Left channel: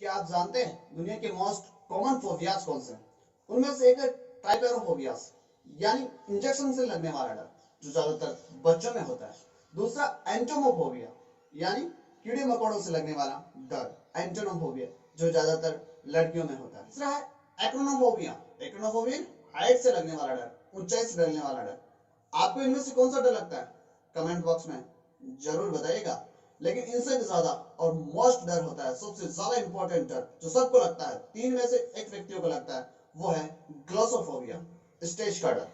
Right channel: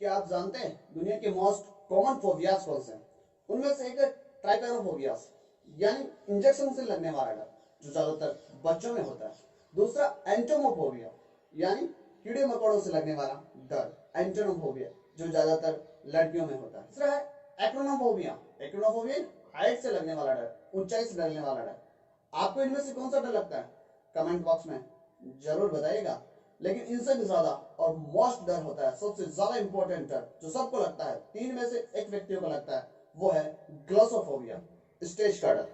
क्या आप जानते हैं दुनिया के मोस्ट कॉमन फोबियाज कौन से हैं? उनमें से एक है ट्राइपेरोफोबियास, यानी इंजेक्शन से लगने वाला डर, जो ज्यादातर बच्चों में होता है। दूसरा एंटोमोफोबिया, यानी कीड़े मकोड़ों से लगने वाला डर, एंटोनोफोबिया, जो ज्यादातर लड़कियों में होता है। तीसरा है एक्रोनोफोबिया। एक्रोनोफोबिया हाइट से लगने वाला डर, ऊंचाई से डरने वाला डर। आपको इनमें से कौन सा डर लगता है? कमेंट बॉक्स में जरूर बताइएगा। लेकिन इनसे भी ज्यादा और मोस्ट डर होता है, सबसे ज्यादा इंपॉर्टेंट डर जो सबको लगता है, तीन में से एक व्यक्तियों को लगता है, वो है ग्लोसोफोबिया, स्टेज का डर।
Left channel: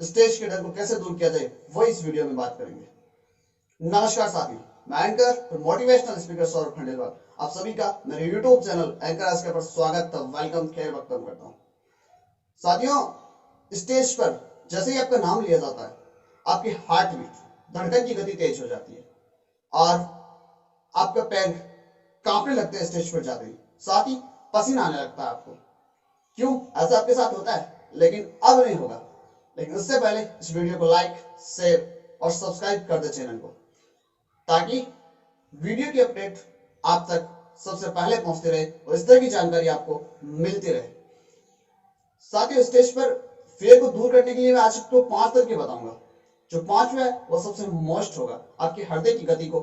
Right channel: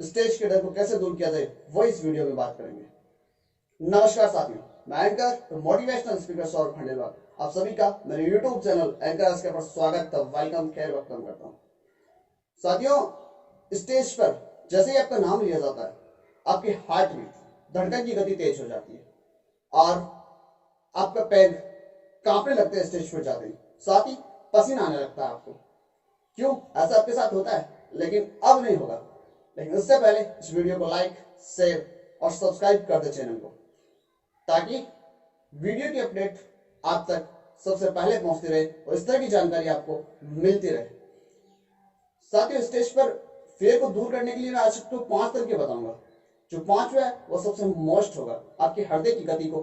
स्टेज के डर को कैसे दूर किया जाए वो इस वीडियो में बात करेंगे। नमस्कार साथियों, मैं एंकर और मोटिवेशनल स्पीकर सौरभ खंडेलवाल आप सभी का मेरे यूट्यूब चैनल एंकर आज के पर स्वागत, वेलकम, खैर वक्तव्य करता हूँ। साथियों, स्टेज पर जैसे ही आपका नाम लिया जाता है, आपकी हार्ट बीट, धड़कन की गति तेज हो जाती है और आपका पैर कांपने लगते हैं स्टेज पर जाते ही, साथ ही पसीना आने लगता है आपको। क्यों ऐसा आपके साथ होता है? लेकिन अब नहीं होगा। लेकिन उससे पहले इस वीडियो को लाइक, शेयर और सब्सक्राइब कर दे चैनल को, ताकि वीडियो की अपडेट आप तक सबसे पहले पहुंचती रहे और इस तरह की जानकारी आपको मिलती रहे। साथियों, स्टेज पर फेयर को दूर करने के लिए मैं आज आपको 5 तरीके बताऊंगा। जो 5वां है वो सबसे मोस्ट होगा, आपके हृदय की गति को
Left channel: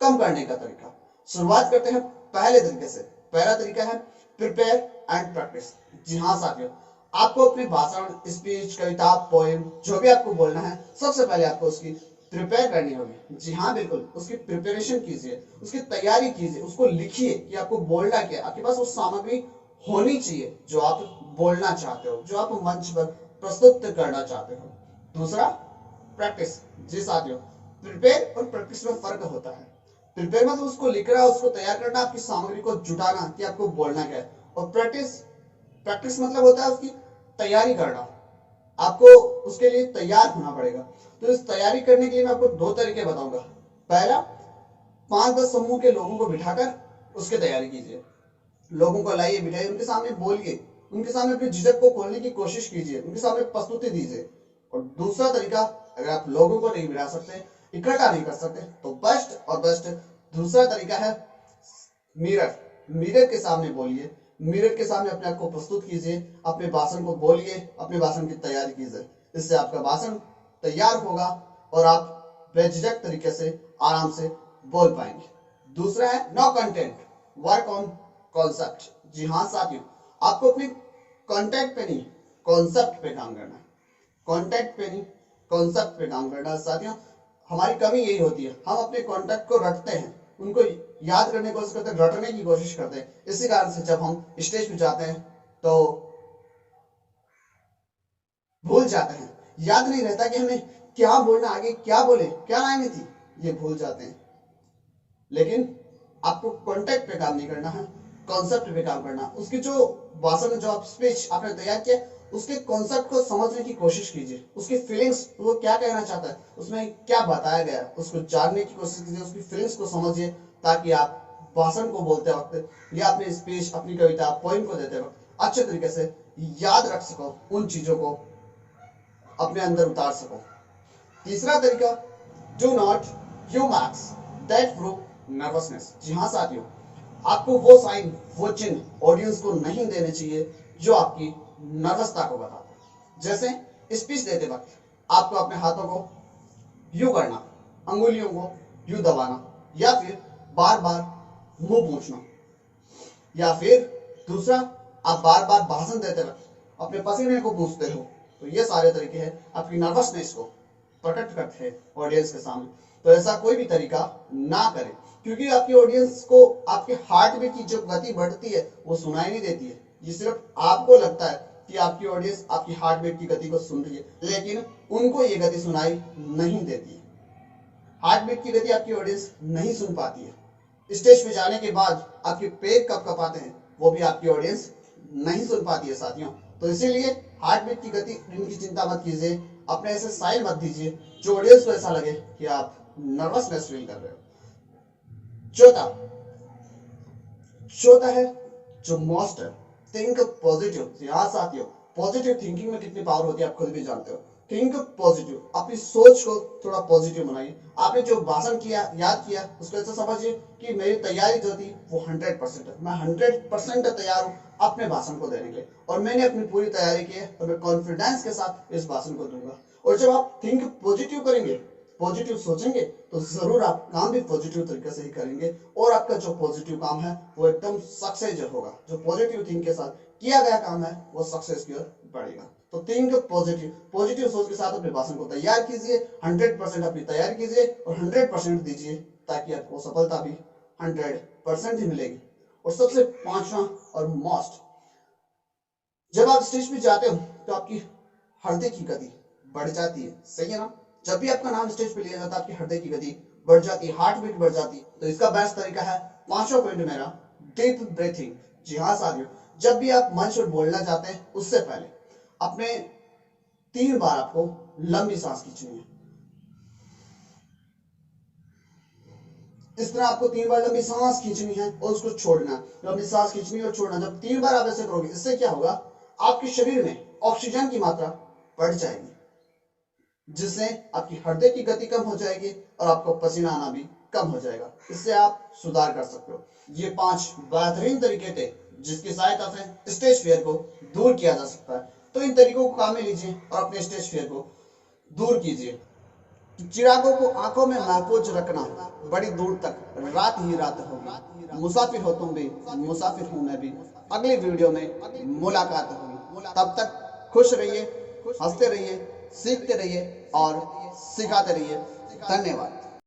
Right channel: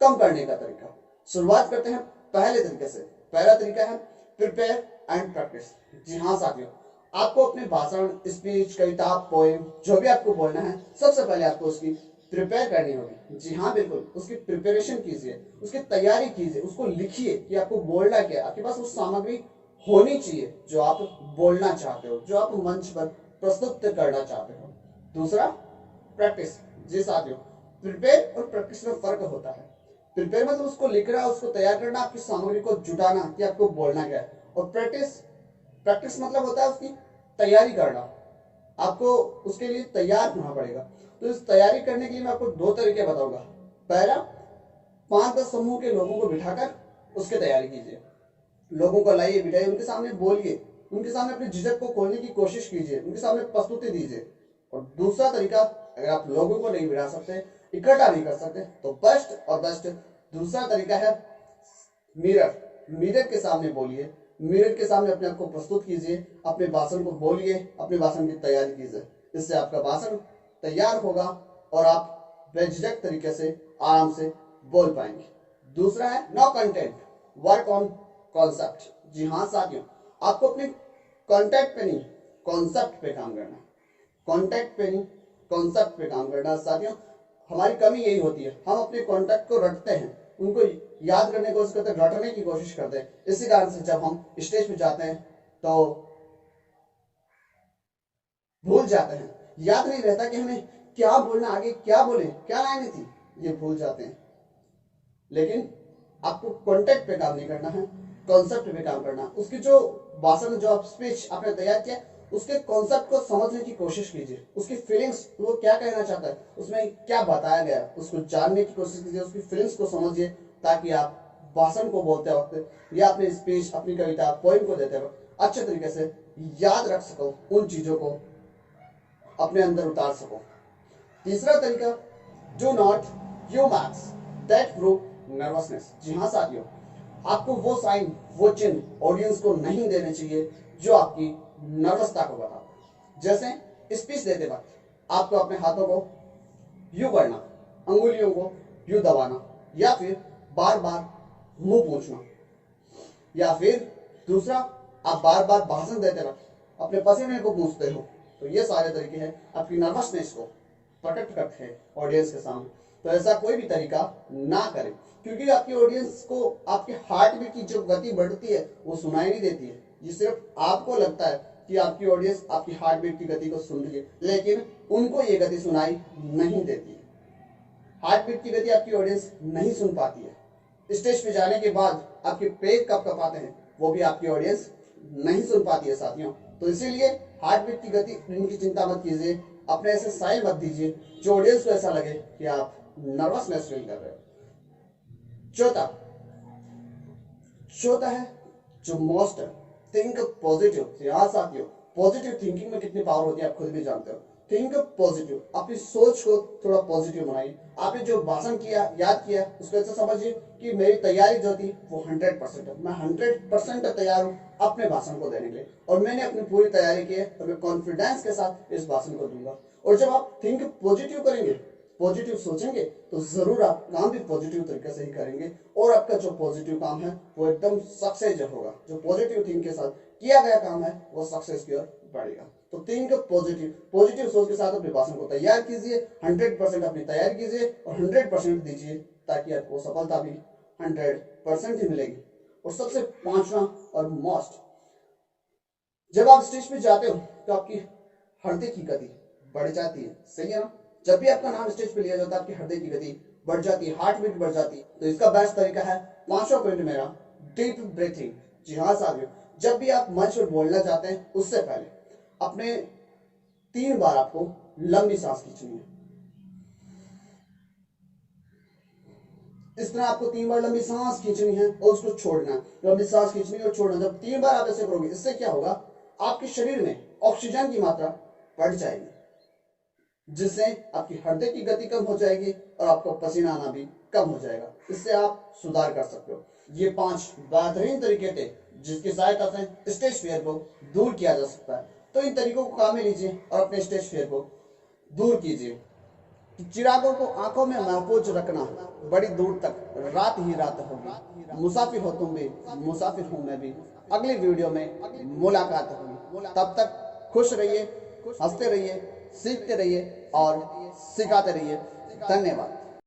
कम करने का तरीका। शुरुआत करते हैं पहले तरीके से। पहला तरीका है प्रिपेयर एंड प्रैक्टिस। जी हाँ साथियों, आपको अपने भाषण, स्पीच, कविता, पोएम, जो भी आपको बोलना है, सबसे पहले आपको उसकी प्रिपेयर करनी होगी। जी हाँ बिल्कुल, उसकी प्रिपरेशन कीजिए, उसकी तैयारी कीजिए, उसको लिखिए कि आपको बोलना क्या है। आपके पास वो सामग्री होनी चाहिए जो आप बोलना चाहते हो, जो आप मंच पर प्रस्तुत करना चाहते हो। दूसरा, प्रैक्टिस। जी साथियों, प्रिपेयर और प्रैक्टिस में फर्क होता है। प्रिपेयर मतलब उसको लिखना, उसको तैयार करना, आपकी सामग्री को जुटाना कि आपको बोलना क्या है। और प्रैक्टिस, प्रैक्टिस मतलब होता है उसकी तैयारी करना। आपको उसके लिए तैयार होना पड़ेगा। तो इस तैयारी करने के लिए मैं आपको 2 तरीके बताऊंगा। पहला, 5-10 समूह के लोगों को बिठाकर उसकी तैयारी कीजिए। लोगों को लाइए, बिठाइए, उनके सामने बोलिए, उनके सामने अपनी झिझक को खोलने की कोशिश कीजिए, उनके सामने प्रस्तुति दीजिए। और दूसरा तरीका, अगर आप लोगों को नहीं बिठा सकते, इकट्ठा नहीं कर सकते, तो बेस्ट और बेस्ट दूसरा तरीका है मिरर। मिरर के सामने बोलिए, मिरर के सामने अपने आप को प्रस्तुत कीजिए, अपने भाषण को बोलिए, अपने भाषण की तैयारी कीजिए। इससे आपका भाषण तैयार होगा और आप बेझिझक तरीके से आराम से बोल पाएंगे। दूसरा है no content, work on concept. जी हाँ साथियों, आपको अपने कॉन्टेक्ट पे नहीं, कॉन्सेप्ट पे काम करना है। कॉन्टेक्ट पे नहीं, कॉन्सेप्ट पे काम करना है। साथियों, हमारी कमी यही होती है, हम अपने कॉन्टेक्ट को रटते हैं, उनको याद करने की कोशिश करते हैं, रटने की कोशिश करते हैं। इसी कारण से जब हम स्टेज पे जाते हैं तो भूल जाते हैं, याद नहीं रहता कि हमें क्या बोलना, आगे क्या बोले, क्या लाइनें थी, ये भूल जाते हैं। लेकिन आपको कॉन्टेक्ट पे काम नहीं करना है, कॉन्सेप्ट पे काम करना। उसकी जो भाषण, जो आप स्पीच आपने तैयार किया, उसके कॉन्सेप्ट को समझने की कोशिश कीजिए, उसकी फीलिंग्स, वो क्या कहना चाहता है, उसमें क्या बताया गया है, उसको जानने की कोशिश कीजिए, उसकी फीलिंग्स को समझिए, ताकि आप भाषण को बोलते वक्त या अपनी स्पीच, अपनी कविता, पोइम को देते वक्त अच्छे तरीके से याद रख सको, उन चीजों को अपने अंदर उतार सको। तीसरा तरीका, do not you max that prove nervousness. जी हाँ साथियों, आपको वो साइन, वो चिन्ह ऑडियंस को नहीं देने चाहिए जो आपकी नर्वसता को बताते। जैसे स्पीच देते वक्त आपको अपने हाथों को यू करना, अंगुलियों को यू दबाना, या फिर बार बार मुंह पूछना, या फिर दूसरा, आप बार बार भाषण देते वक्त अपने पसीने को पूछते हो। तो ये सारे तरीके हैं आपकी नर्वसनेस को प्रकट करते हैं ऑडियंस के सामने। तो ऐसा कोई भी तरीका ना करें, क्योंकि आपकी ऑडियंस को आपके हार्ट बीट की जो गति बढ़ती है वो सुनाई नहीं देती है। ये सिर्फ आपको लगता है कि आपकी ऑडियंस आपकी हार्ट बीट की गति को सुन रही है, लेकिन उनको ये गति सुनाई नहीं देती है। हार्ट बीट की गति आपकी ऑडियंस नहीं सुन पाती है। स्टेज पे जाने के बाद आपके पेट कब कपाते हैं वो भी आपकी ऑडियंस नहीं सुन पाती है साथियों। तो इसीलिए हार्ट बीट की गति इनकी चिंता मत कीजिए, अपने ऐसे साइन मत दीजिए जो ऑडियंस को ऐसा लगे कि आप नर्वसनेस फील कर रहे हो। चौथा, चौथा है जो मोस्ट है, थिंक पॉजिटिव। यहाँ साथियों, पॉजिटिव थिंकिंग में कितनी पावर होती है आप खुद भी जानते हो। थिंक पॉजिटिव, अपनी सोच को थोड़ा पॉजिटिव बनाइए। आपने जो भाषण किया, याद किया, उसको ऐसा समझिए कि मेरी तैयारी जो थी वो 100% है। मैं 100% तैयार हूँ अपने भाषण को देने के लिए, और मैंने अपनी पूरी तैयारी की है और मैं कॉन्फिडेंस के साथ इस भाषण को दूंगा। और जब आप थिंक पॉजिटिव करेंगे, पॉजिटिव सोचेंगे, तो जरूर आप काम भी पॉजिटिव तरीके से ही करेंगे और आपका जो पॉजिटिव काम है वो एकदम सक्सेस होगा। जो पॉजिटिव थिंक के साथ किया गया काम है वो सक्सेस की ओर बढ़ेगा। तो थिंक पॉजिटिव, पॉजिटिव सोच के साथ अपने भाषण को तैयार कीजिए, 100% अपनी तैयारी कीजिए और 100% दीजिए, ताकि आपको सफलता भी 100% ही मिलेगी। और सबसे पांचवा और मोस्ट, जब आप स्टेज पे जाते हो तो आपकी हृदय की गति बढ़ जाती है, सही है ना। जब भी आपका नाम स्टेज पे लिया जाता है आपकी हृदय की गति बढ़ जाती है, हार्ट बीट बढ़ जाती है। तो इसका बेस्ट तरीका है, पांचवा पॉइंट मेरा, डीप ब्रीथिंग। जी हाँ साथियों, जब भी आप मंच पर बोलना चाहते हैं उससे पहले अपने 3 बार आपको लंबी सांस खींचनी है। इस तरह आपको 3 बार लंबी सांस खींचनी है और उसको छोड़ना है। लंबी सांस खींचनी और छोड़ना, जब 3 बार आप ऐसे करोगे, इससे क्या होगा, आपके शरीर में ऑक्सीजन की मात्रा बढ़ जाएगी, जिससे आपकी हृदय की गति कम हो जाएगी और आपको पसीना आना भी कम हो जाएगा। इससे आप सुधार कर सकते हो। ये 5 बेहतरीन तरीके थे जिसकी सहायता से स्टेज फियर को दूर किया जा सकता है। तो इन तरीकों को काम में लीजिए और अपने स्टेज फियर को दूर कीजिए। चिरागों को आंखों में महफूज रखना, बड़ी दूर तक रात ही रात होगी। मुसाफिर हो तुम भी, मुसाफिर हूं मैं भी। अगली वीडियो में मुलाकात होगी, तब तक खुश रहिए, हंसते रहिए, सीखते रहिए और सिखाते रहिए। धन्यवाद।